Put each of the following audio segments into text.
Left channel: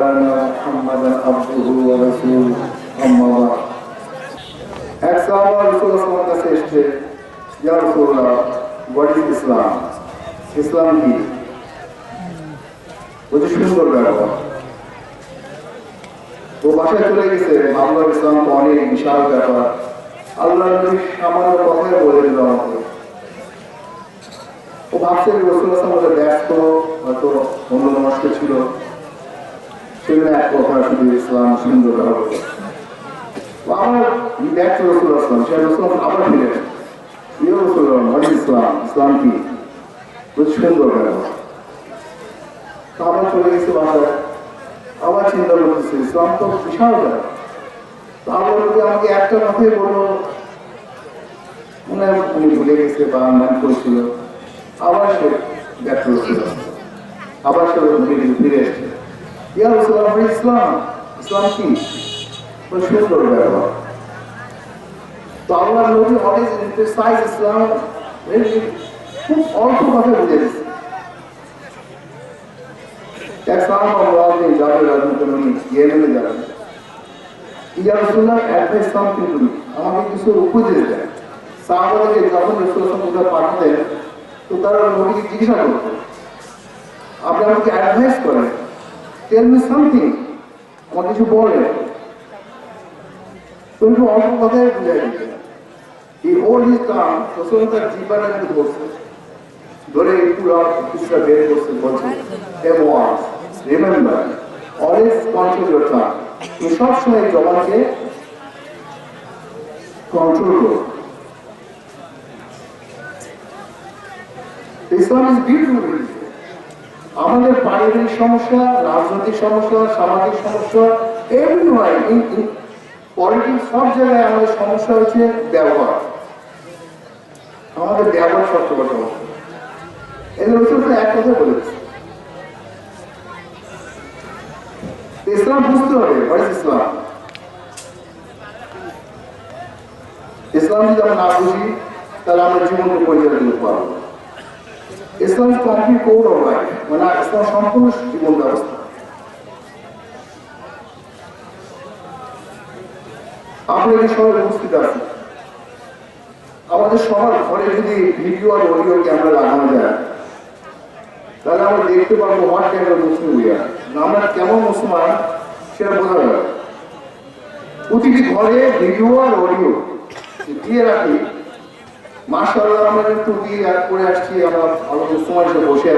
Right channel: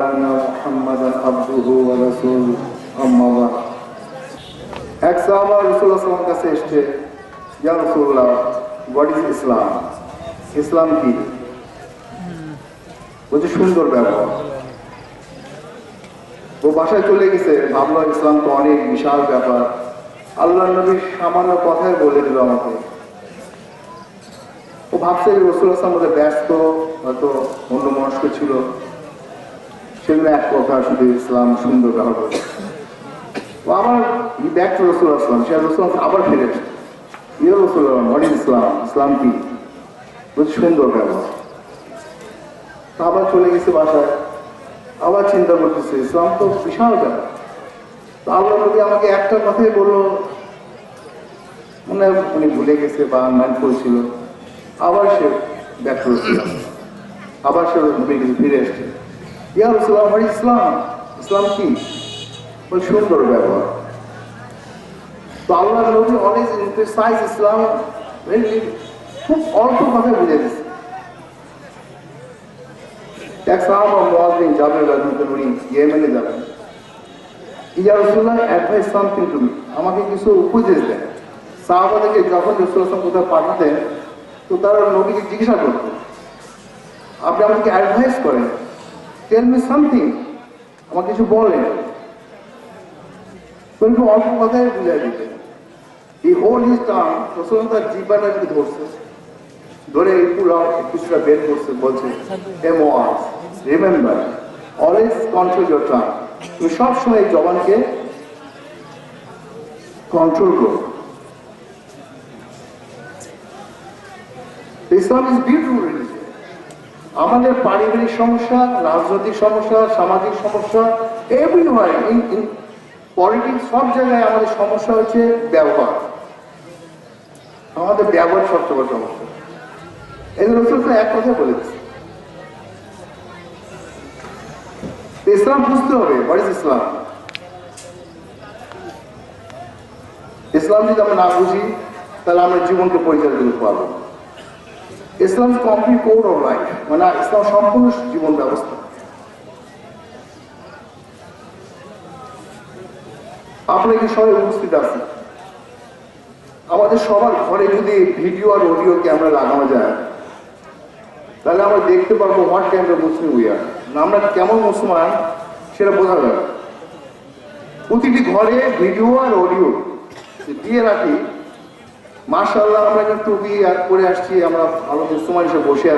أن محمدا عبده ورسوله أما بعد এক সাহাবা রসুল্লাহ সাল্লাম কাছে এসছে ইয়া রসুল্লাহ হোয়াট ইজ ইসলাম ইসলাম কি বলছে সুন্দর ব্যবহার ও বাসায় চলে গেছে ভাবলো ইসলাম তো অনেক বিশাল ব্যাপার আল্লাহ নবী সামান্য কথাই বলে দিল আমাকে ও ভাবছে রসুল আসলাম বলে ব্যস্ত হয়তো অন্য মনস্ক ছিল সেগুলো এক কথা, শুধু ইসলাম সুন্দর করে আমার ব্যাক টু রসুল আসলাম, সে রসুল আবার ফিরে এসে। ইয়ে রসুল হোয়াট ইসলাম ইসলাম কি? বলছে, সুন্দর ব্যবহার আবার চলে গেছে বাসায়। আবার চিন্তা করতেছে, ইসলাম তো বিশাল ব্যাপার আল্লাহ নবী আমাকে একটা কথাই বলল, মনে উনি ভুলে গেছে বা মান করেছিল। আবার সে ব্যর্থ আবার সে ফিরে এসছে। ইয়া রসুল্লাহ আমার ইসলাম। ইসলাম কি? সুন্দর ব্যবহার তো আল্লাহ নবী অনেক ইন্টারসাইজ ইসলাম খুব অল্প কথা বুঝে দিচ্ছে এক সাহাবা মুআযিন জাবের ইয়েমেনে যাবেন। ইয়া রাসূলুল্লাহ অ্যাডভাইস সামথিং টু মি আমাকে কিছু উপদেশ দেন। সাহাবাদেরকে যখন রাসূলুল্লাহ কোথাও পাঠাতেন, তো তারা নবীকে জিজ্ঞাসা করতেন আপনি আমাকে অ্যাডভাইস করেন। টেল মি সামথিং আমার কিছু বলেন তো একটু অল্প কথায় বুঝাই দিতেন এই হোল ইজ টার্ম রাসূলুল্লাহ তার জীবনে ধরছে। ধরে পুরো কিছুটা বের করছে, বলছে এমওয়ার্স remember always control your tongue তুমি সবসময় জবানকে কন্ট্রোল করো। ইসলাম ইজ বিউটিফুল আমাদের পারিবারিক সমস্যা, রাজনৈতিক সমস্যা, সামাজিক সমস্যা এভরিওয়ার পলিটিক্স সব জায়গায় আমাদের সমস্যা হচ্ছে ব্যবহার। আমাদের ব্যবহার সবচেয়ে বড় সমস্যা। এই রসুল এক কথা বলেছে ইসলাম বুঝতে হবে হোয়াট ইসলাম ইসলাম যদি আমরা না বুঝি, তাহলে আমরা জীবনকে পরিচালিত করতে পারব Islam complete code of life মানে ইসলাম সম্পূর্ণ জীবন ব্যবস্থা। আপনি কি সবাই উপস্থিত আছেন? আমাদের সবার ঘরে যদি ভিডিও আর অডিও ক্যামেরা লাগানো যায়, তাহলে আমরা দেখতে পারব হোয়াট অফ মুসলিম উই আমরা কেমন মুসলমান, সেটা বোঝা যাবে প্রতিটি ঘরে ভিডিও আর অডিও দিয়ে রাখি মার্শাল্লাহ করে আসছি, আমরা হিসেবে বসে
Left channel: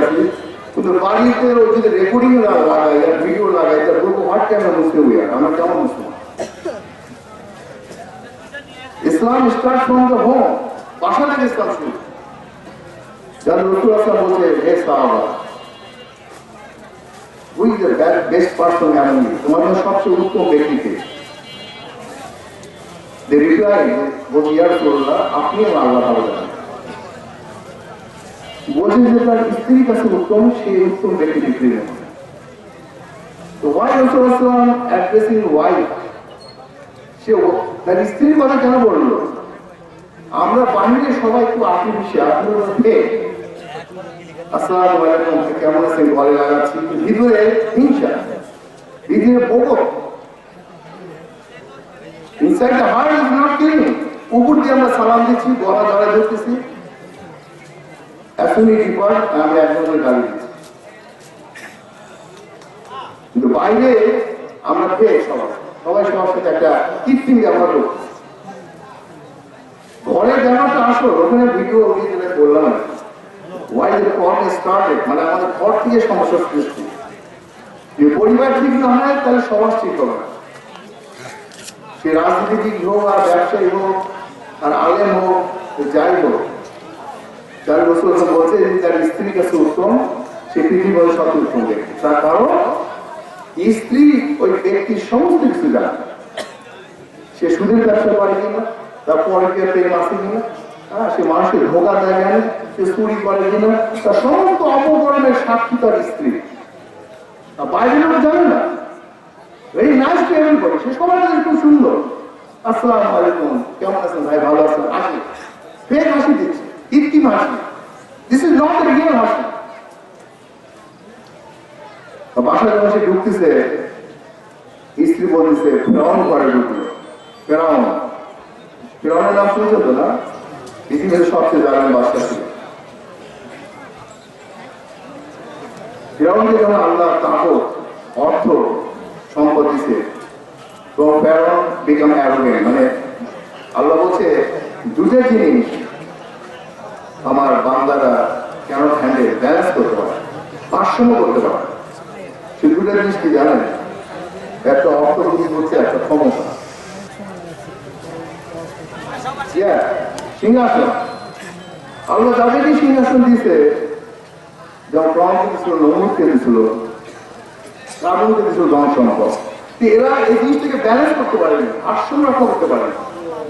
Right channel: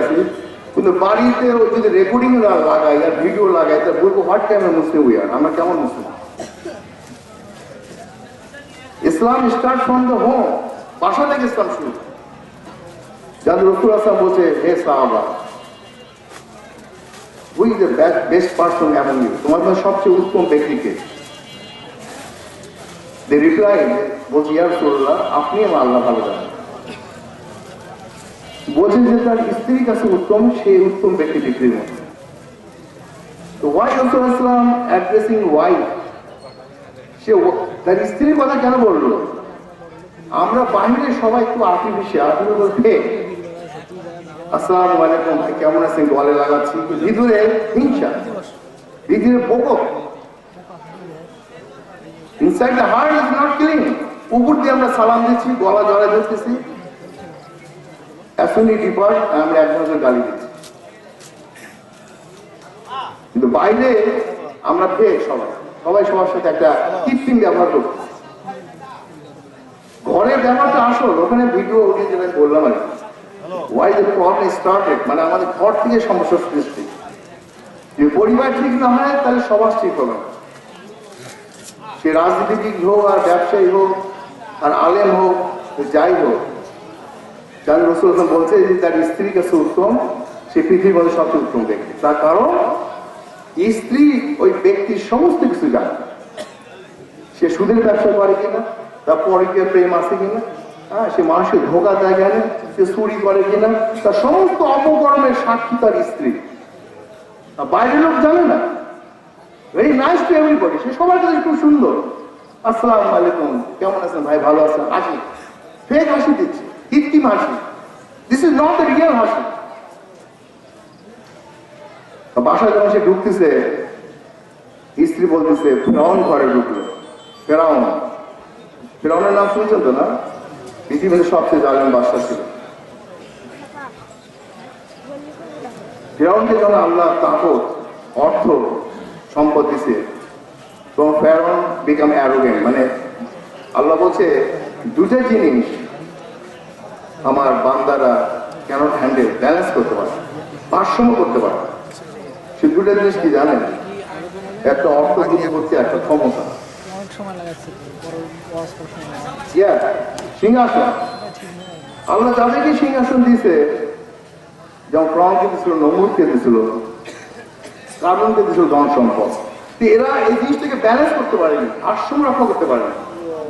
কিন্তু বাড়িতে ওই যদি রেকর্ডিং লাগাই আর ভিডিও লাগাই বলব হোয়াট অফ মুসলিম আর আমরা কেমন মুসলমান Islam start from the home বাসা থেকে ইসলাম শুরু। যাদের রসুল আসলাম বলছে, হে সাহাবা we the best person you তোমার সবচেয়ে উত্তম ব্যক্তিকে। আপনি আমার আল্লাহ ভালো যে তার স্ত্রীর কাছে উত্তম, সেই উত্তম ব্যক্তি মধ্যে তো ওয়াই রসুল আসলাম অ্যাড্রেসিং ওয়াইফ সে তার স্ত্রীর কথা কেন বলল? আমরা বাহিরে সবাই একটু আর্টিফিশিয়াল আসসালামু আলাইকুম, কেমন আছেন? গলে লাগাচ্ছি। ভিতরে হিংসা। ভিতরে বকত নট ক্লিন উপর দিয়ে আমরা সালাম দিচ্ছি, গলা জড়াই ধরতেছি। দিচ্ছি। কিন্তু বাইরে আমরা সবাই। সবাই সবার সাথে একটা কৃত্রিম ব্যবহার করছি। ঘরের ব্যবহারটা আসল, ওখানে ভিডিও যেটা বললাম আর ওয়াই দ্য প্রবলেম স্টার্টেড মানে আমাদের ঘর থেকে সমস্যা সৃষ্টি। যদি পরিবার ঠিক না হয়, তাহলে সমাজ ঠিক হবে না। সে রাজনীতিবিদ হোক আর ব্যবসায়ী হোক আর আলেম হোক যাই হোক। যার রসুল বলছে যে তার স্ত্রীর কাছে উত্তম, সে পৃথিবীর মধ্যে সবচেয়ে উত্তম ব্যক্তি। তার কারণ, স্ত্রী ওই ব্যক্তির সমস্ত কিছু জানে। সে সুদের ব্যবসা করে কিনা, তার পরকীয় প্রেম আছে কিনা হ্যাঁ সে মানুষের ধোকা দেয় কেন, সে চুরি করে কিনা, তার সমস্ত অপকর্মের সাক্ষী তার স্ত্রী। আর বাইরের লোক জানে না। ভেরি নাইস টু এভরিবডি সে সবার কাছে খুব সুন্দর। আসসালামু আলাইকুম। কেমন আছেন ভাই? ভালো আছেন? হাসি ফেক হাসি দিচ্ছে। কৃত্রিম হাসি। This is not the real হাসি। বাসায় যখন সে ঢুকতেছে, স্ত্রী বলতেছে, ফেরাউন ঘরে ঢুকলো ফেরাউন। ফেরাউনের নাম শুনছেন তো না? পৃথিবীর সবচেয়ে জালেম বাদশা ছিল। ফেরাউনকে যখন আল্লাহ তাকত অর্থ সম্পদ দিছে তো ফেরাউন বিকাম অ্যারোগেন্ট মানে আল্লাহ বলছে দুটো জিনিস আমার বান্দারা কেন হ্যান্ডেল ব্যালেন্স করতে পারে ভারসাম্য করতে পারে সে দুটো জিনিস কি জানেন? একটা অর্থ দিয়ে হচ্ছে একটা ক্ষমতা। সিংহাসন। আল্লাহ যাদেরকে সিংহাসন দিয়েছে। যেমন প্রণকে দিয়েছিল নমরকে দিয়েছিল। এরা এই জিনিসটাকে ব্যালেন্স করতে পারেনি, ভারসাম্য রক্ষা করতে পারেনি।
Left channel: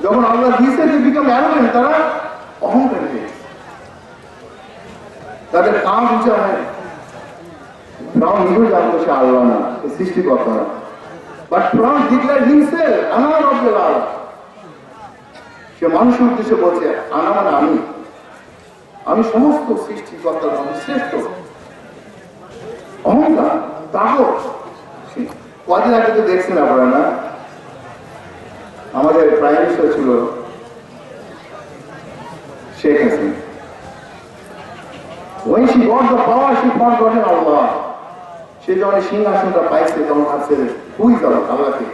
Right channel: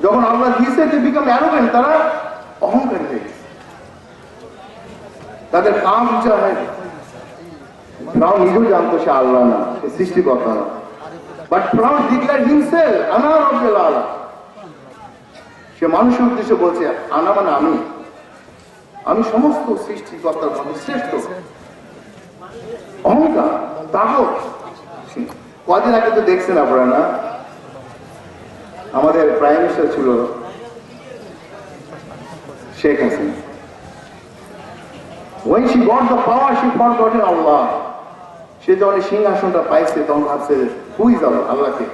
যখন আল্লাহ দিয়েছে যে বিকাম তারা হয়ে। তাদের কাম ফ্রাউন নিজেও জানতো সে আল্লাহ না, সে সৃষ্টিকর্তা না। বাট ফ্রাউন ডিক্লেয়ার হিমসেল আল্লাহ সে মানুষের উদ্দেশ্যে বলছে আনা মানে আমি। আমি সমস্ত সৃষ্টিকর্তার শ্রেষ্ঠ। অহংকার। তাহস কদিন আগে তো দেখছেন আপনারা না? আমাদের প্রাইম মিনিস্টার ছিল Sheikh Hasina. When she got the power, she forgotten Allah. সে যখন সিংহাসনটা পাইছে তখন ভাবছে হুই যাবে আল্লাহকে?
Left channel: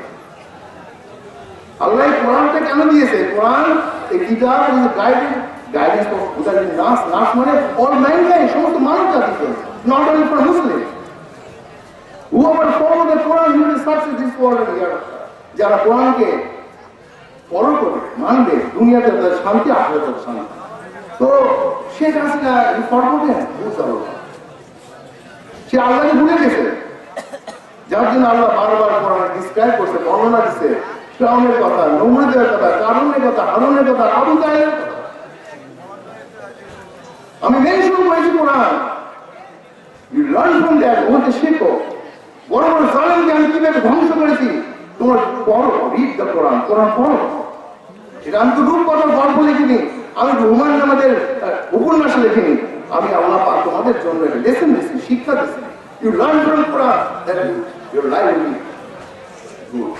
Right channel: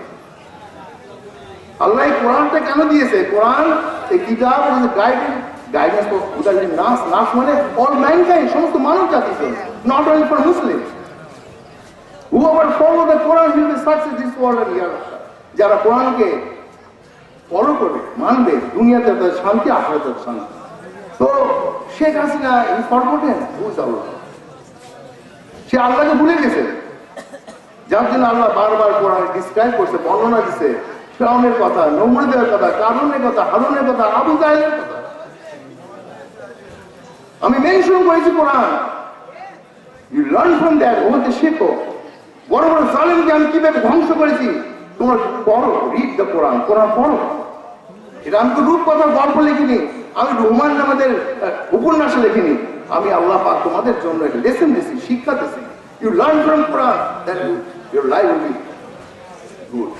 আল্লাহ কোরআনটা কেন দিয়েছে? কোরআন এই কিতাব গাইডেন্স গাইডেন্স ফর উদাহরণ নাস নাস মানে অল ম্যানকাইন্ড সমস্ত জাতির জন্য not only for Muslim whoever the Quran will be success this world and যারা কোরআনকে ফলো করবে, মানবে, দুনিয়াতে তাদের শান্তি শান্তি। তো সে আল্লাহকে ভুলে গেছে। যার জন্য আল্লাহ বারবার কোরআনে ডিসক্রাইব করছে, বর্ণনা দিচ্ছে ফ্রাউনের কথা, নমরুদের কথা, কারুনের কথা, হারুনের কথা, আবু তাইলের কথা। আমি মেনশন করেছি Quran you learn from that ওখানে শেখো। বড় বড় জালেমকে আমি কীভাবে ধ্বংস করেছি? তোমরা পড়ো রিড দ্য কোরআন কোরআন পড়ো। এটা আমি তো রূপকথার গল্প লিখিনি, আমি রহমান আমাদের উপন্যাসে লিখিনি। আমি আল্লাহ পাক তোমাদের জন্য একটা লেসন দিছি শিক্ষা দিছি you learn from Quran that your life will be good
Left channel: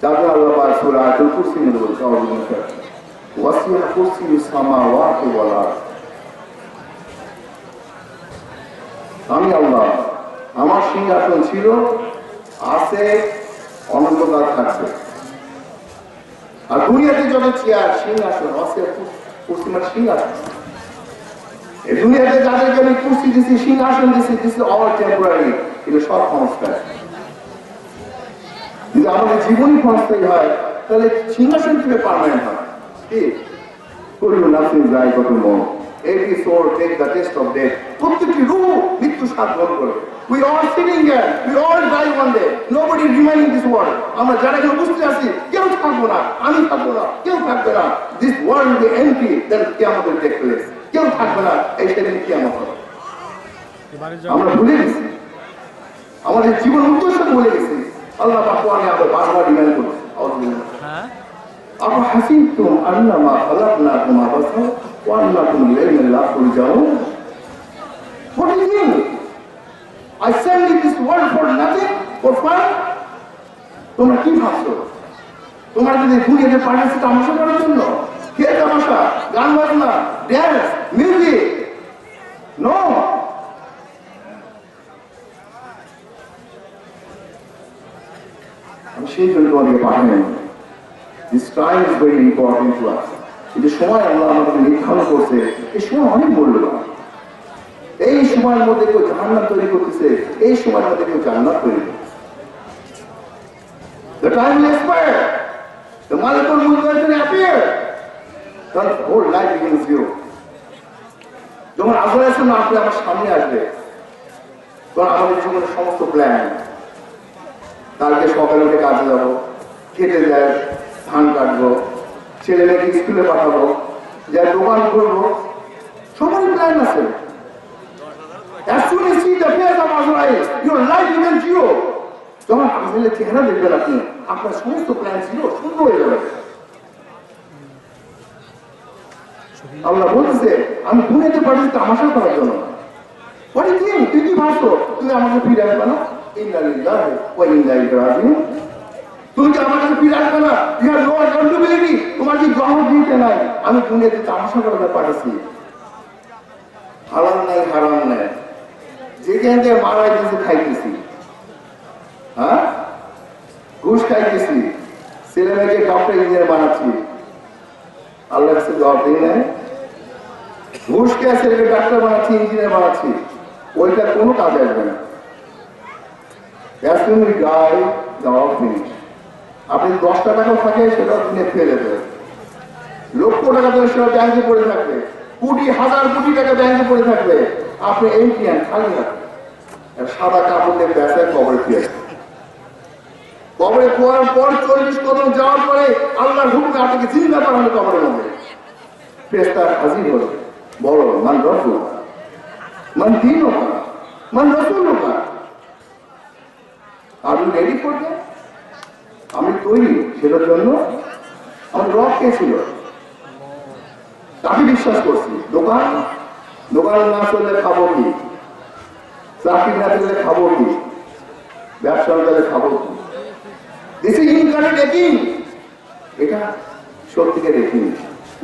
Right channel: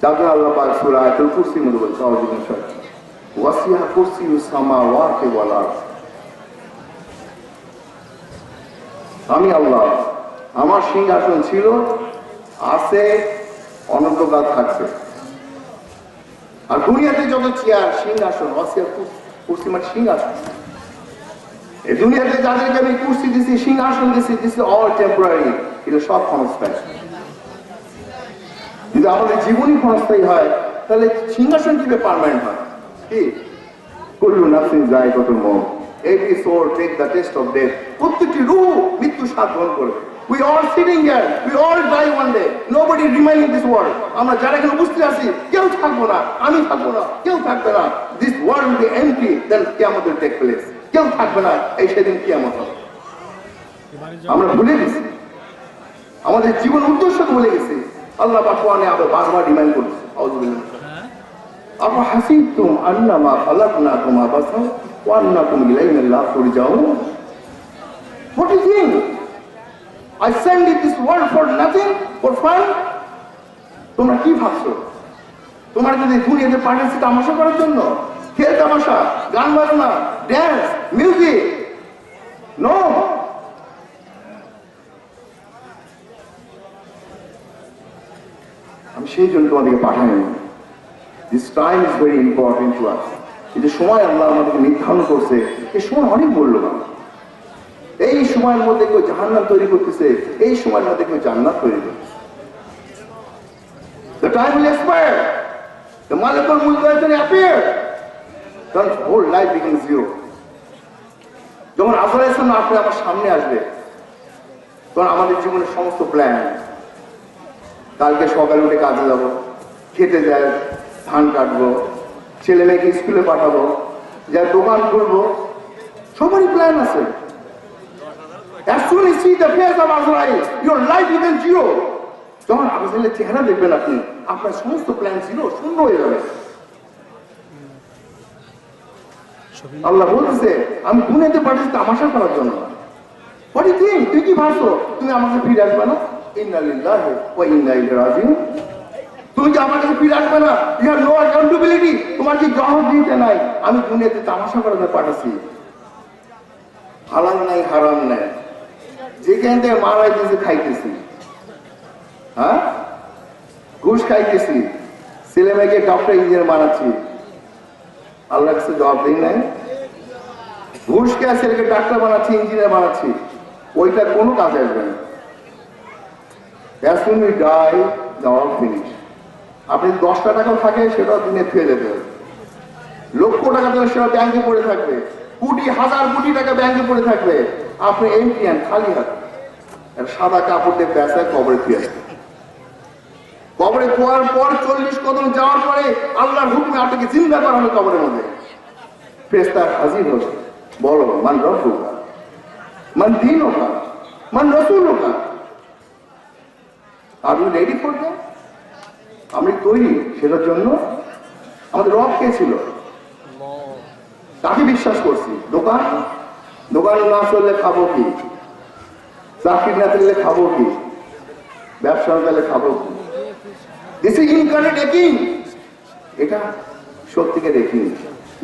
তারপরে আল্লাহ পাক সূরা আয়াতুল কুরসির মধ্যে বলছে আউযু বিল্লাহি ওয়াসিয়া কুরসিয়ুস সামাওয়াতি ওয়াল আরদ। আমি আল্লাহ। আমার সিংহাসন ছিল, আছে অনন্তকাল থাকবে। আর দুনিয়াতে যত চেয়ার, সিংহাসন, আছে কুর্সি মানে সিংহাসন। এই দুনিয়াতে যাদেরকে আমি কুর্সি দিছি, সিংহাসন দিছি দিছি অল টেম্পোরারি এটা সব ক্ষণস্থায়ী। যদি আমাদের জীবনই ক্ষণস্থায়ী হয়, তাহলে সিংহাসন কীভাবে পারমানেন্ট হয়? কি? কুল্লু নাফসিন যায় কত মন। Every soul take the test of death প্রত্যেকটি রূহ মৃত্যু we all sitting here we all die one day nobody remain in this world আমরা যারা এখানে উপস্থিত আছি, কেউ থাকব না, আমি থাকব না, কেউ থাকবে না। This world will be empty then কিয়ামত উইল টেক প্লেস কেউ থাকবে না, এই সেদিন কিয়ামত হবে। আমরা ভুলে গেছি। আমাদের জীবন উদ্দেশ্য ভুলে গেছি। আল্লাহ পাকুয়ানে আবার বারবার আউযুবিল্লাহ। أفحسبتم أنما خلقناكم عبثا وأنكم إلينا لا ترجعون What do you think? I sent you this world for nothing, for fun? তোমরা কি ভাবছো তোমরা যদি দুনিয়াতে পাঠিয়েছে তামাশা করার জন্য খেয়ে তামাশা গান বাজনা ড্যান্স মিউজিক নো আমি সেই জন্য তোমাদেরকে পাঠাই this time is very important to us এই যে সময় আল্লাহ আমাদেরকে নির্ধারণ করছে, এই সময় অনেক মূল্যবান এই সময়ের মধ্যে কেউ জাহান্নাম তৈরি করতেছে, এই সময়ের মধ্যে কেউ জান্নাত তৈরি করতেছে The time will expire. The molecule will going to appear. Then whole life becomes zero. যখন আসলে ইসলাম আপনি আমার সামনে আসবে, তখন আমাদের জীবনের সমস্ত প্ল্যান কালকে সকালে উঠে কাজে যাব, খেতে যায় ধান কাটবো ছেলে মেয়েকে স্কুলে পাঠাবো যা দোকান করব সবারই প্ল্যান আছে। As soon as see the face of Azrael, your life zero. ছিল শূন্য হয়ে যাবে। আল্লাহ বলতেছে আমি দুনিয়াতে পাঠিয়েছি তামাশা করার জন্য। You think? তুই কি ভাবছ? তুমি আমাকে ফিরে আসবে না? ইন্না লিল্লাহি ওয়া ইন্না ইলাইহি রাজিউন। তুমি কি আমার কাছে ফিরে আসবে না? হ্যাভ নো অ্যাকাউন্টেবিলিটি তোমার কি জবাব দিতে নাই? আমি দুনিয়াতে তামাশা করে পাঠাচ্ছি হালাল নাই হারাম নাই। যেখান থেকে মারা গেছে খাইতেছি। হ্যাঁ? ঘুষ খাইতেছি। ছেলে মেয়েকে ডক্টর ইঞ্জিনিয়ার বানাচ্ছি। আল্লাহ কাছে জবাব দিই নাই। ঘুষ খেয়ে ছেলেকে ডাক্তার বানাচ্ছি ইঞ্জিনিয়ার বানাচ্ছি। ওইটা কোনো কাজে আসবে না। Soon as we die, the all finish. আপনি দশটা টাকা থাকে, সেটাও দিনে ফেলে হবে লক্ষ টাকা দিলে সেটা ব্যাংকে পড়ে থাকবে। কোটি, হাজার কোটি টাকা ব্যাংকে পড়ে থাকবে। আপনি এমটিএন খালি হাতে। সাদা কাপড় দিয়ে পেঁচায় কবরে ফিরে কবরে খোয়ার পর চল্লিশ কদম যাওয়ার পরে আল্লাহর হুকুমে আপনাকে চিন্তা করা হবে কবরের মধ্যে। ফেরেশতা হাজির হলো। বলো মান রব্বুকা। মান দীনুকা। মান রাসূলুকা। আর ইউ রেডি দ্যাট আমি তৈরি সেটার জন্য আমার রব কে ছিল তাকে বিশ্বাস করছি। দোকান? দোকান না চললে খাব কি? চাকরি না চললে খাব কি? ব্যবসা চললে খাব কি? দিস ইজ ইনকারেক্ট একিং এটা সত্যিকে দেখিনি।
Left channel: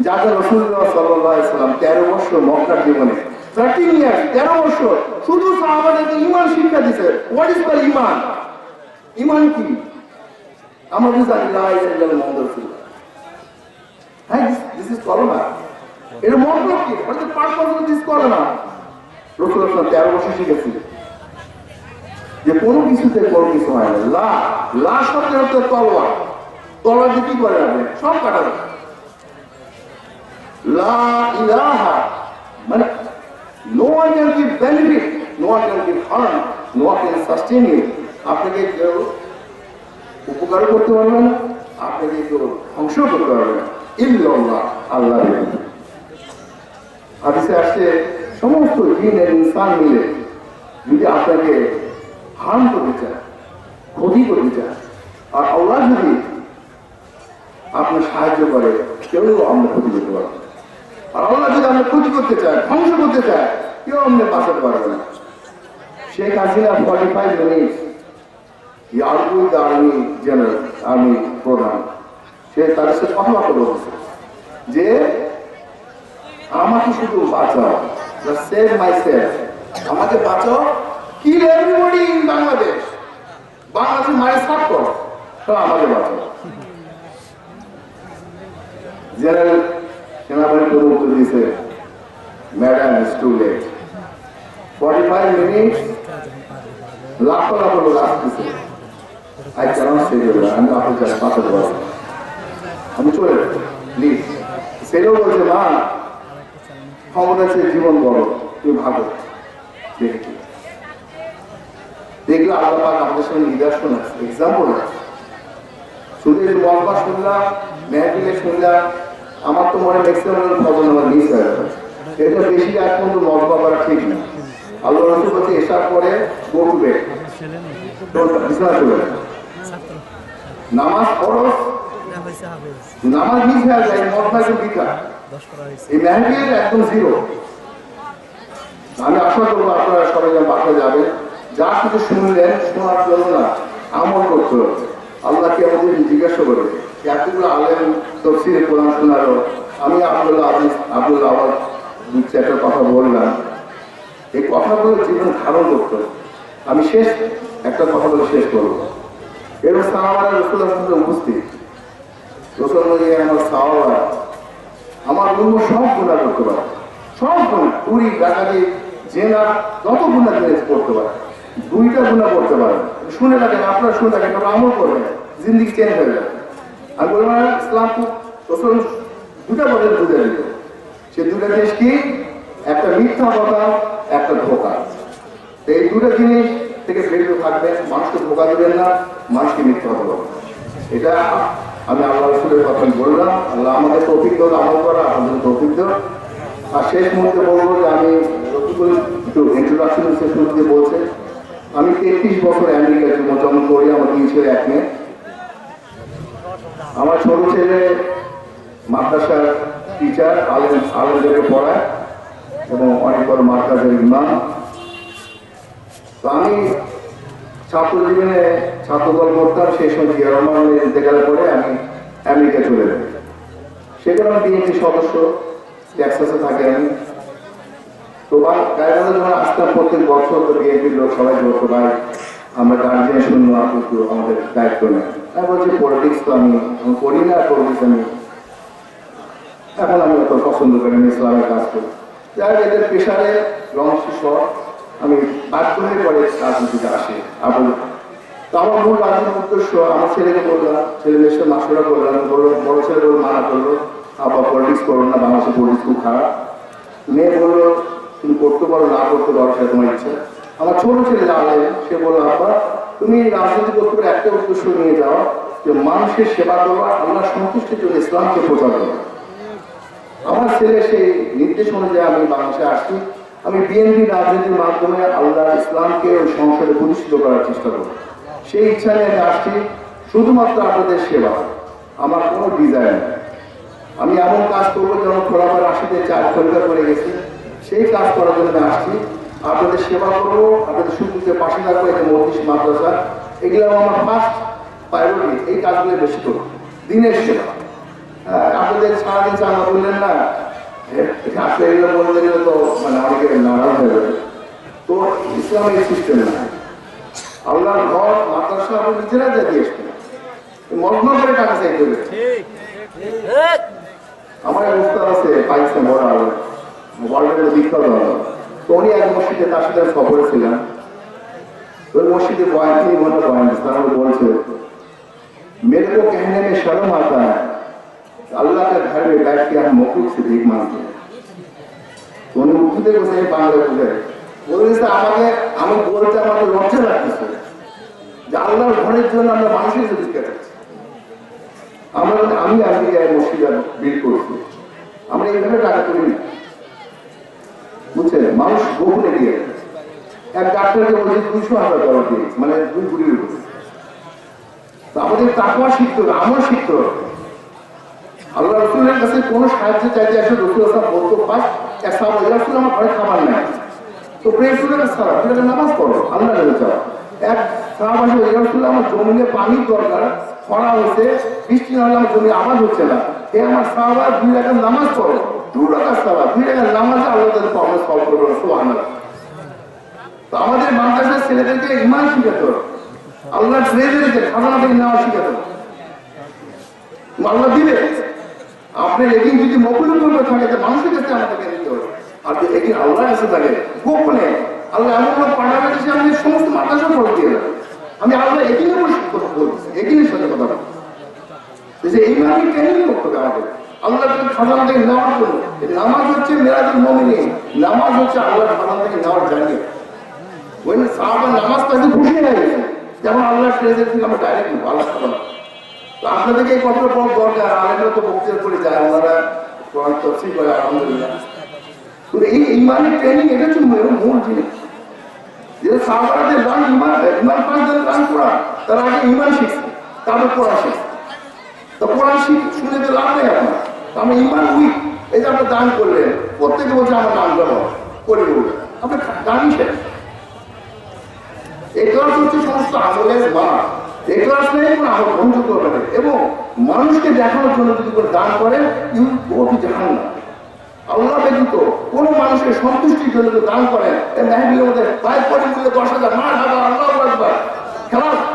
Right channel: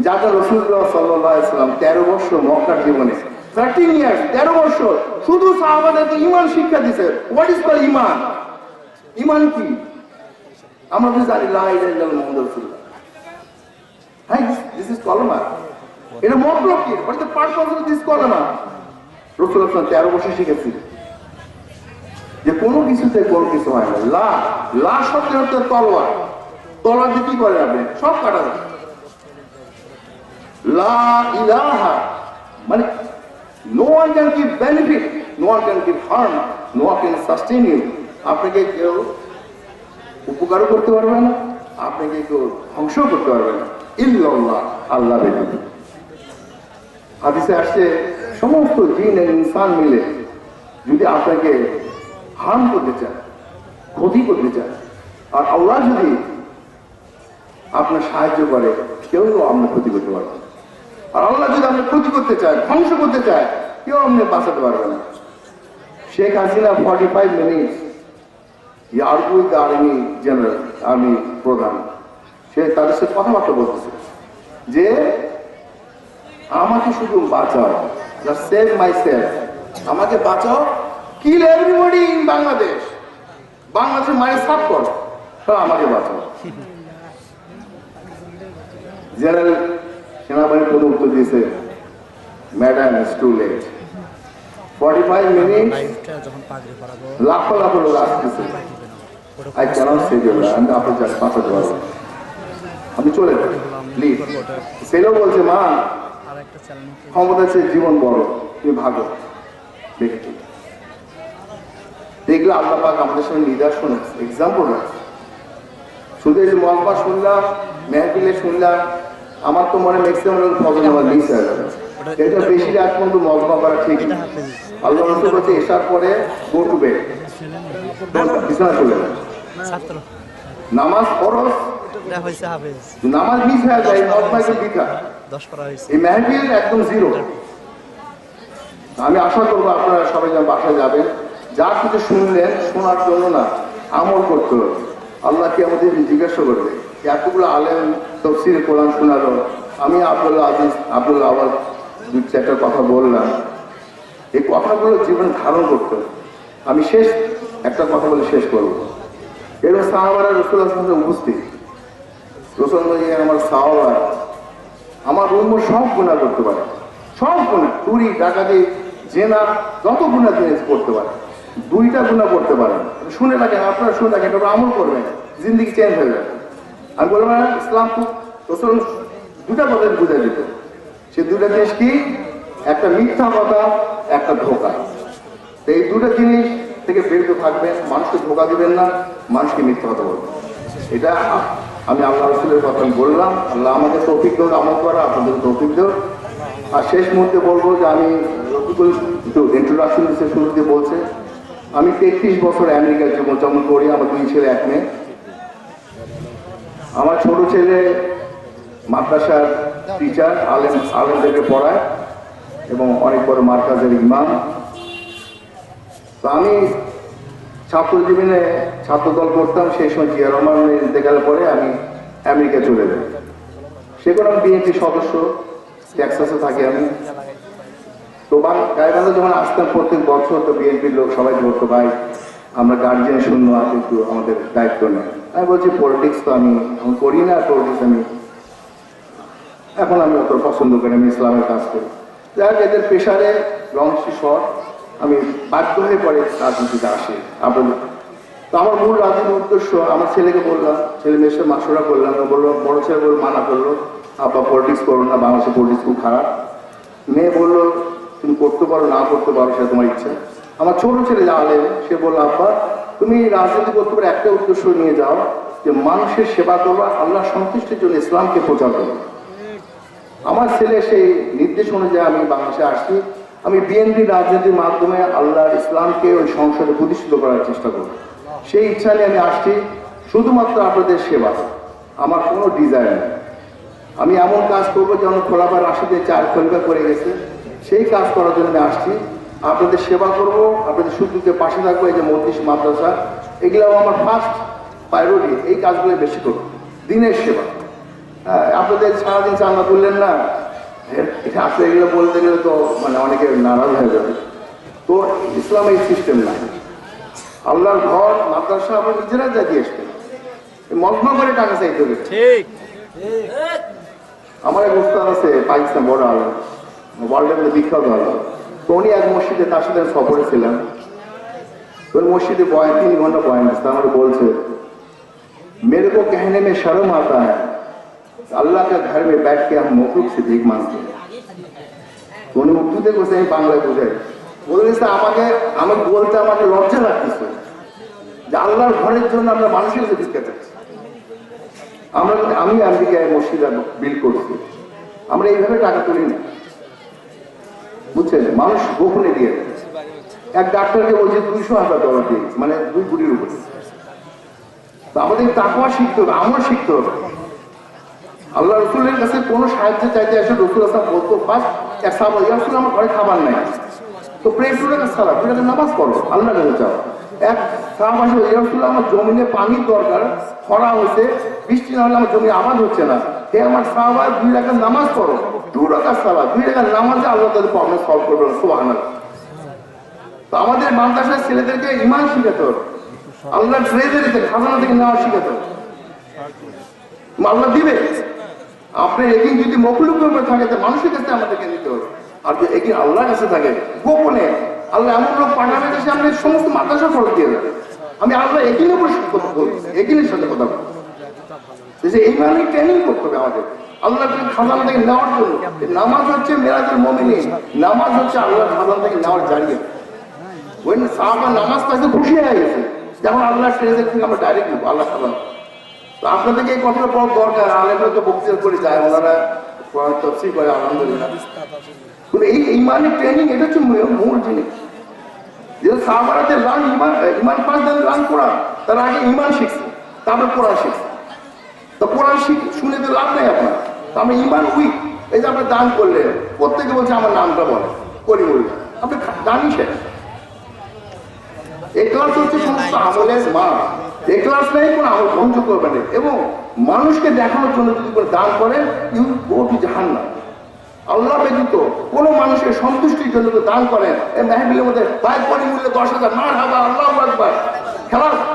যাকে রসুল্লাহ সাল্লাম তেরো বছর মক্কার জীবনে থার্টিন ইয়ার্স তেরো বছর, শুধু সাহাবাদেরকে ইমান শিক্ষা দিছে। হোয়াট ইজ কল ইমান ইমান কি? আমরা বুঝি জানি লা ইলাহা ইল্লাল্লাহ মুহাম্মাদুর রাসূলুল্লাহ। হ্যাঁ দিস ইজ এটা মতলব কি? Is the purpose of this কলমা রসুল্লাহ তেরো বছর শিখেছি। যে কোনো কিছুতে কোনো কিছু হয় না। লা লা শব্দের হচ্ছে তলোয়ার তলোয়ার দিয়ে কি করে আপনি? সব কাটা যাবে লা ইলাহা মানে no one can give benefit no one can give harm no one can you আপনাকে কেউ উপকারও করতে পারবে না, আপনাকে কেউ ধ্বংস করতে পারবে না ইল্লাল্লাহ, আল্লাহ। হাদিসে আসছে, সমস্ত জিন আর ইনসান মিলে যদি আপনাকে হার্ম করতে চায়, ক্ষতি করতে চায়, আর আল্লাহ যদি আপনার সাহায্য করে, কেউ আমরা ক্ষতি করতে পারবে। আর আল্লাহ যদি আমরা ক্ষতি করতে চায়, ধ্বংস করতে চায়, কেউ আপনি বাঁচাতে পারবে না Sheikh Hasina forty five minute army general army প্রধান সে তাদের সাথে কথাবার্তা বলতেছে যে, আমাকে শুধু বাঁচাও সেভ মাই সেলফ আমাকে বাঁচাও কিল এভরিবডি ইন বাংলাদেশ বাংলাদেশের মায়ের সাফ করো আমাকে বাঁচাও। জেনারেল সেনাবাহিনী কোনো উত্তর দিয়েছে madam is too late forty five minute লাখো লাখো লোক আসতেছে। আই ক্যানট সে আমি আপনার কাছে বাঁচাতে পারব না। আমি চলে প্লিজ সেটাও বলছে, মা, ক্ষমতা চেয়ে জীবন বড়, তুমি দেখি। দেখলে আল্লাহ পাক আমাদের সামনে নিদর্শন আছে এক্সাম্পল আছে। শুধু এই মহবা শুনলাম, মেহফিলে শুনলাম, আমার তো মনে ম্যাক্সিমাম ফজন আমার মিস হয়ে গেল এটা বেশি রাত পর্যন্ত মহবা করা ঠিক না। আল্লাহ রসুল বলছে, এসার পরে গো টু বেড বিছানা চলে যাবে ছাত্র। নামাজ ফরজ এটা হয়েছে হাফেজ। নামাজ মিস হয়ে যায় মহবা একদম দশ করা হয়েছে। এই মেহফিল একদম জিরো আমি আশা করব আপনারা সবাই যেন বাসায় যাবেন। যা কিছু শুনলেন শোনার জন্য না আমল করতে হবে। আল্লাহকে আমাদের জিজ্ঞাসা করবে? এতগুলো আলেম তফসির কোরআন শোনালো। আমি আব্দুল্লাহ আজিজ আব্দুল্লাহ আবার দু চারটার কথা বললাম। এই কথাগুলো জীবন ধারণ করতে হবে। আমি শেষ, একটা কথা বলে শেষ করব। এরকম সাহাবারা রসুল্লাহ উপস্থিত। রসুল আমার সাহাবার আমার অন্য সব গুণা করতে পারে। সব গুণা চুরি, ডাকাতি, জেনা, যত গুণা জিনিস করতে পারে। দুইটা গুণা করতে পারে। শুনে রাখেন, আপনারা শুনে রাখেন ওরা আমল করবেন। জিন্দিগি চেঞ্জ হয়ে যাবে। আমি বলব না ইসলাম খুব রসুল দুটা কথা বুঝে দিত সে দুটা জিনিস কি? একটা মিথ্যা কথা, একটা ধোকা। এই দুটো জিনিস থেকে বিরত থাকবেন মানুষকে ধোকা দেবেন না, মানুষকে মিথ্যা কথা বলবেন এটা আমি আল্লাহ রসুলের কথা বললাম। আল্লাহ আমাদের তৌফিক দেওয়ার আমল করা, আপনাদের তৌফিক আর শেষ মুহূর্তে বলব যে আমি একটু ইন্ট্রোডাকশন শেষ মুহূর্তে বলছে, আমি তেত্রিশ বছর আমেরিকায় জীবনযাপন করি, আমার দুই ছেলে, এক মেয়ে। আমার ছোট ছেলে মাদ্রাসার টিচার আলেম, আলেমদেরকে পড়ায় এবং অনেক বড় মার্কাজের ইমাম। আমি ছাত্র জীবনে ছাত্র দল করতাম, সেই সময় জিয়া রহমান ইন্তেকালের পরে আমি আমেরিকা চলে যাই। সেখানে আমি বিএনপি সদস্য, টেক্সাসে থাকি আমি। তো গায়েবান্ধা যখন আসতাম প্রত্যেক বছর, তো বিএনপির লোক সবাই বলতো, ভাই, আমরা গার্জিয়ান শূন্য, কিন্তু আমাদের দায়িত্ব নেই। আমি বলছি পলিটিক্স তো আমি করি না পলিটিক্স আমি এখন আমি অত পছন্দ করি আমি ইসলামের কাজ করি। যাই এদের পেশারে লং শর্ট আমি বাধ্য হয়ে পরে রাজনীতিতে আসি। আপন তো আমার মূল রাজনীতির উদ্দেশ্য, আমার ছেলেকে বললাম, ছেলে সাথে মাসুরা করলাম বলল, বড় ছেলে বলল, মানা করল আব্বা পলিটিক্স করো না, বাংলাদেশে পলিটিক্স খুব খারাপ। মেয়ে বলল, তুমি করতে পারো, না করতে পারো, সেটা তোমার ইচ্ছা। আমার ছোট ছেলে জানলে, সে বলল আব্বা তুমি রাজনীতি করতে পারো, একটা উদ্দেশ্য নিয়ে যাও, যে মানুষের সেবা করবা আল্লাহ সন্তুষ্টির জন্য ইসলামকে প্রচার করবা। আমার ছেলে সেই নির্দেশ অনুযায়ী আমি বাংলাদেশে আসছি। আমি বিএনপি রাজনীতির মাধ্যমে আল্লাহ ইসলামকে ওই সংসদে প্রতিষ্ঠিত করার চেষ্টা করব। সেই ইচ্ছা নিয়ে আমি আসছি শুধুমাত্র আপনাদের সেবা। আমার কোনো ডিজাইন নেই। আমি এমন কাজ করব যেন খোলাবার আশিতে চার ঘণ্টা করে গেছে। সেই কাজ করার জন্য আমি আসছি। আপনাদের সেবা করব আপনাদের সুযোগের পাশে থাকব এই যে মন্ত্রিস মাদ্রাসা এগুলো আমার ফার্স্ট প্রায়োরিটি এই কাজগুলো বেশি করব। দিনের সেবা। হ্যাঁ, আপনাদের সারাদিন চাঁদা বললেন না এটা আসলে এগুলো বলতে গেলে তো মানে অনেকে নারাজ হয়ে যাবে। তো ইসলাম এই সিস্টেম না। আল্লাহর ঘর মাদ্রাসা আমরা নিজেরা জাতি আসবে মগ্ন করে টাকা চাইতে হবে। আমার এক উস্তাদ আছে পাকিস্তান বড় আলো। ওয়ার্ল্ডের বিখ্যাত আলো। তো উনি এক মসজিদে তার সাথে সফরে ছিলেন ওই মসজিদে বয়ান তিন ঘণ্টা বয়ান তার বলছে মেরে কো কেহনে মে শরম আতা হ্যাঁ है अल्लाह के घर में बैठ के हम मखलूक से भीख मांगते हैं তো উনি উর্দুতে বসে আমি বাংলায় বুঝে বলেছে আমাকে আমি বলতে আমাকে লজ্জা লাগতেছে যে আল্লাহর ঘরের জন্য আমরা মানুষের কাছে ভিক্ষা চাচ্ছি আমরা আমি আমেরিকায় মসজিদে বিল করছি আমরা এইভাবে টাকা তুলি না বুঝছেন মানুষ গোপনে দিয়ে দেয়। এক ডাক্তারকে বলছে দুইশো হাজার ডলার দিয়ে মানে দুই কোটির উপরে তো আমাদের তাকুয়া শিখতে হবে আমার শিখতে হবে আল্লাহ রসুলের কাছে কোনো সাহায্য চাইতে আসে রসুল আসলাম বলতো ফার্স্ট এক সাহাবা রসুল, আমার ঘরে খাবার নাই। তো প্রেম করে সারা প্রেমে নামাজ পড়ো, আল্লাহ কাছে চাও এক সাহাবা আসে ইয়া রসুল, আমার জমিনে পানির দরকার, খরা হয়েছে, বৃষ্টি না হলে আমার জমি আবাদ হচ্ছে না। হে আমার সাহাবা, দুই রাখার নামাজ পড়ো, দু রাখার সাহাবা, দুই রাখার নামাজে আল্লাহ তাদের প্রবলেম সলভ করবে সোহান তো আমাদের মাদ্রাসার ছেলেদেরকে ইমান শিখাতে হবে। আল্লাহ ট্রেজারিতে খাজানা থেকে নেওয়া শিখাতে হবে। আল্লাহ দিবে। আপনার এদিন যদি মকুলুক করে থাকে তো মানুষের কাছে আমাদেরকে নিতে হবে। আর যদি এদিন আল্লাহর কাছে থাকে, গোপনে আল্লাহ এমন লোক পাঠাবে যে আমি সমস্ত মাদ্রাসা ফরক দিয়ে দেবে আমি আল্লাহ বসে কথা বলছি সাথে কথা বলছি। যে এই মানে ট্রেনিং করতে হবে আমাদের? আল্লাহ খাজানা থেকে নেওয়ার জন্য নামাজ হচ্ছে মেরাজুল মমিনী নামাজ হচ্ছে আল্লাহ খাজানা থেকে নেওয়ার জানিয়ে ওই সাহাবা নামাজ পাইতে খুশি হয়ে গেছে, যেমন আল্লাহ ট্রেজের থেকে আমরা ডাইরেক্ট নেব, আল্লাহ খাবার আপনাদেরকে এই কথাটা দরকার আলেমরা তো বক্তৃতা করে যায়, ওনারা কোরআন তফসিল করে, আলহামদুলিল্লাহ। এই ট্রেনিং এটা হচ্ছে মূল- জিনিস। ইমান ইমান পাঁচ দিন রান করা, তার আগে ইমান শিখছে, তারপর কোরআন শিখছে। তো কোরআন শিখ শুনে তো লাভ নেই আপনার। ইমান উইক এই যে দান করলেন, প্রত্যেকে বলছে, আমার নামটা বল, করি বললেন আপনি দানই শেষ। এক্লাস হচ্ছে সমস্ত আমলের মা এক্লাস নেই, কোনো করবে না। এবং মানুষকে দেখানোর জন্য যদি দান করেন ইউ গো টু জাহান্নাম। আল্লাহ ব্যতীত কোনো মানুষের সন্তুষ্টির জন্য দান করেন এই মেহবিলের মধ্যে বাইক মূল্যে দশ হাজার হাজার আল্লাহ একবার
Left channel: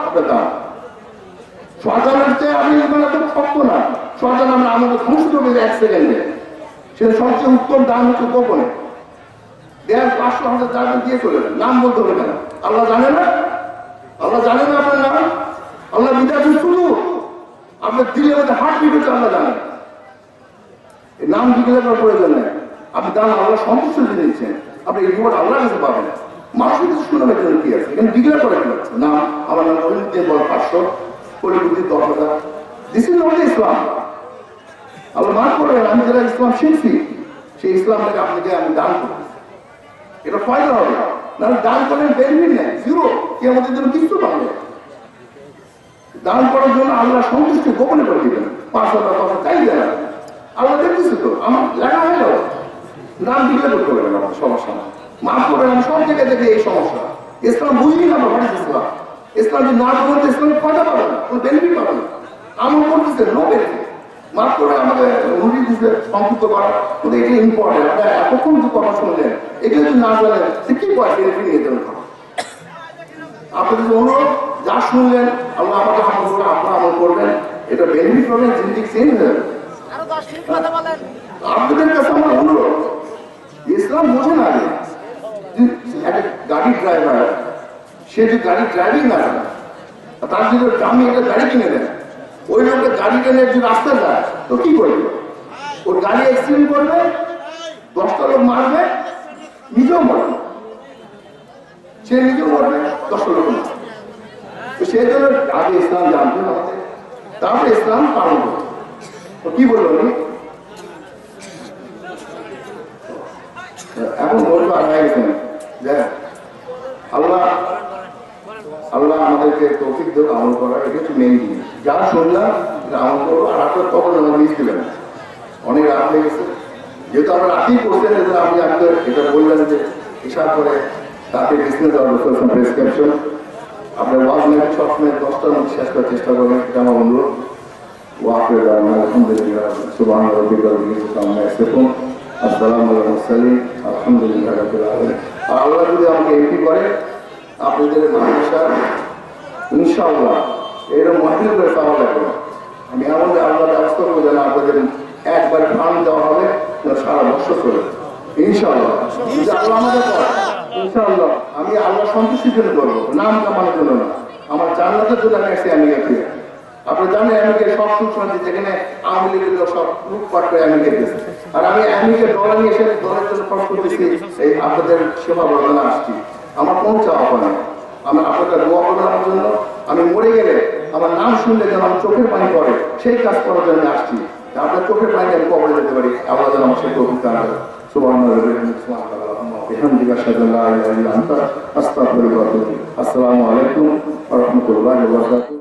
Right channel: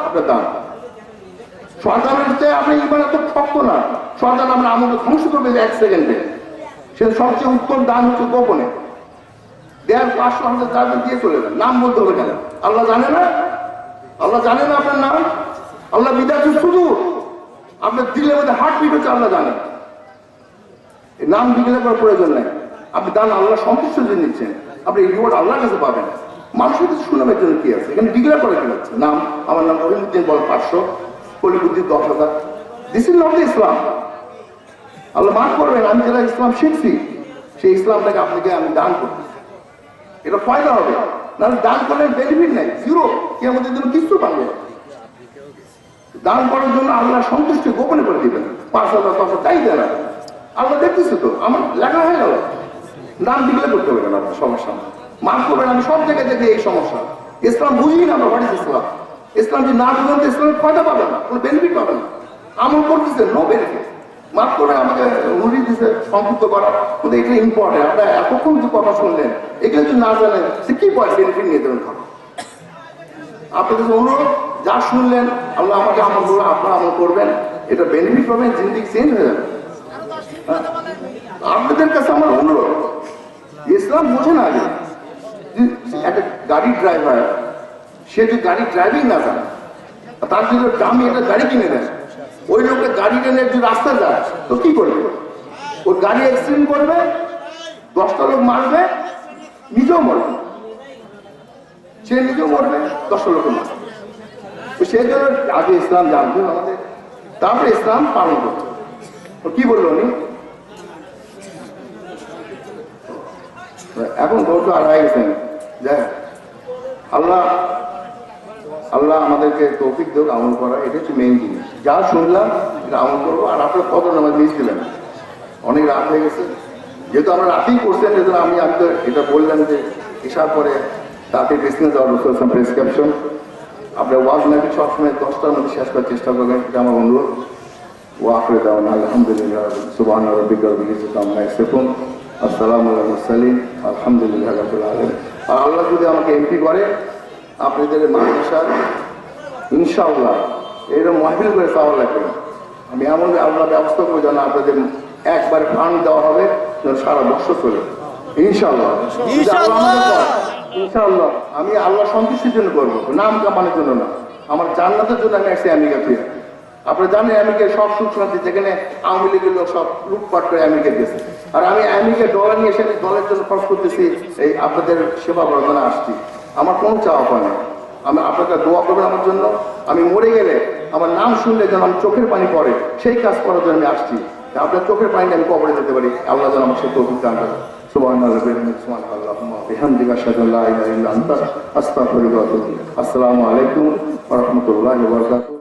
আপনার দান সরকারের চেয়ে আপনি ইমান এত শক্ত না। সরকার আমরা আমাদের ধ্বংস করবে এক সেকেন্ডে সেটা সবচেয়ে উত্তম দান হচ্ছে গোপনে। দেড় পাঁচশো হাজার দিয়ে চলে নাম বলতে হবে কেন? আল্লাহ জানে না? আল্লাহ জানে না আপনার নাম? আল্লাহ বিদায় শুধু। আপনার দিলের মধ্যে হার্ট বিট হচ্ছে আল্লাহ জানেন নাম ডিক্লেয়ার করার প্রয়োজন নেই। আপনি দান আল্লাহ সন্তুষ্ট দিয়ে নিচ্ছেন আপনি রিওয়ার্ড আল্লাহর কাছে পাবেন। জন্য কি আছে? এখানে কি হচ্ছে নাম, আমার নাম বল পাঁচশো দশ হাজার। দিস ইজ নট ইসলাম আল্লাহ মাফ করবেন, আমি যারা ইসলাম শিখছি, সেই ইসলামটাকে আপনাকে আমি দান করব এটা ফায়দা হবে। না দান করলে বেনিফিট নেই জিরো কে আমাদের জন্য কিছু পাবে। দান করার জন্য আল্লাহ সন্তুষ্টি গোপনে করে দিবেন। পাঁচ হাজার পাঁচ হাজার চাই দেন আল্লাহ দেখতেছে তো, আমার লেখা হয়ে গেল। দান দিলে করতে পারবেন আমার সমস্যা নেই মাফ করবেন, আমি সব জায়গায় দেখি এই সমস্যা। ইসলাম বুঝি না আমরা হোয়াট ইসলাম ইসলাম যদি না করবেন তো ইসলামের ফায়দা পাবেন না, কোনো বেনিফিট পাবে না। আমল করতেছে নো বেনিফিট মাফ করে আমাকে অনুরোধ দিচ্ছে সংক্ষিপ্ত করা। কিন্তু এটা ইম্পর্টেন্ট আপনারা এতক্ষণ যে কথা শুনলেন, এগুলো যদি না জানেন, সে কি পয় বেনিফিট নিয়ে দেবেন ভালো আপনাদের অনুরোধ যা শুনলেন আল্লাহ আমাকে আমল করবে আপনারা আমল করবেন। এটা বেনিফিট পাবেন জিন্দিগি চেঞ্জ হয়ে যাবে। আপনাদের কাছে আমার অনুরোধ ইসলাম বোঝে না আগে যে একটা গাড়ির ড্রাইভার সে যদি গাড়ি ড্রাইভিং না জানে তার যদি দামি একটা গাড়ি কিনে দেয় ওই লোকটা গাড়ি টেনে যদি রাস্তা যায় তো কি করবে? ওর গাড়ি অ্যাক্সিডেন্ট করবে দশটা লোক মারবে নিজেও মরবে। সে নিজেও মরবে দশটা লোক মারবে। সেই জন্য আগে ইসলাম জানতে হবে। তারপরে ইসলাম পালন করতে কি বলল উনি এখন আড়াই গেছেন যাই আল্লাহ আল্লাহ আমাদেরকে তৌফিক দেব আমল করা, এটা হচ্ছে মেইন জিনিস। যা শুনলাম, এটা আমল করব, আর আপনার কত নামাজ মিস দিলেন অনেক রাত হয়ে গেছে। যেহেতু আমরা রাতেই করছেন আমি আজকে এটা বললাম যে, এসার পরে তাকে বিজনেস দেওয়ার প্রেসক্রিপশন আপনার ওয়াজ নাকি সবসময় দশটার মধ্যে শেষ করার চেষ্টা করবেন। এটা আমার অনুরোধ। ওয়াফরে দেওয়া আলহামদুলিল্লাহ সুবাহ আম্মা ইয়াসিফুন। আসসালামু আলাইকুম মুরসালিন আলহামদুলিল্লাহ আলামিন। আর আল্লাহ যদি আমাকে এমপি করে, আপনাদের মাদ্রাসা, ইনশাআল্লাহ, এরকম মাহফিল করে পাওয়া লাগবে না। আমি এমন আল্লাহ ব্যবস্থা করে যেন আপনাদের একবার ফান্ড দেওয়া হবে সারা বছর চলে। ইনশাআল্লাহ। করে, ইনশাআল্লাহ আমি আল্লাহ সন্তুষ্টির জন্য করব নাম কামানোর জন্য না। আমার জান্নাতের জন্য আমি আসছি আমেরিকা থেকে আপনারা জানেন আমেরিকার সব সুখ শান্তি যেখানে আওয়ামী লীগের লোক সব লুটপাট করে আমেরিকা গেছে আর আমি আমেরিকার ডলার নিয়ে এসে ডলারের জন্য খরচ করতেছি এই আপনাদের সেবা বর্ধনে আসছি। আমার কোনো চাওয়া পায় না আমি আপনারা দোয়া করবেন আমার জন্য। আমি মরে গেলে আমার নাম শুনলে যেন আমার চোখের পানি পড়ে সেই কাজ করার জন্য আমি আসছি। আপনার চোখের পানি আমি কবরে যেতে পারি। আল্লাহ যেন আমার সাথে অভিজ্ঞতা আনবে সুবহান বিহামদিকা আতুবু ইলাইক। আসসালামু আলাইকুম রাহমাতুল্লাহি ওয়া বারাকাতুহু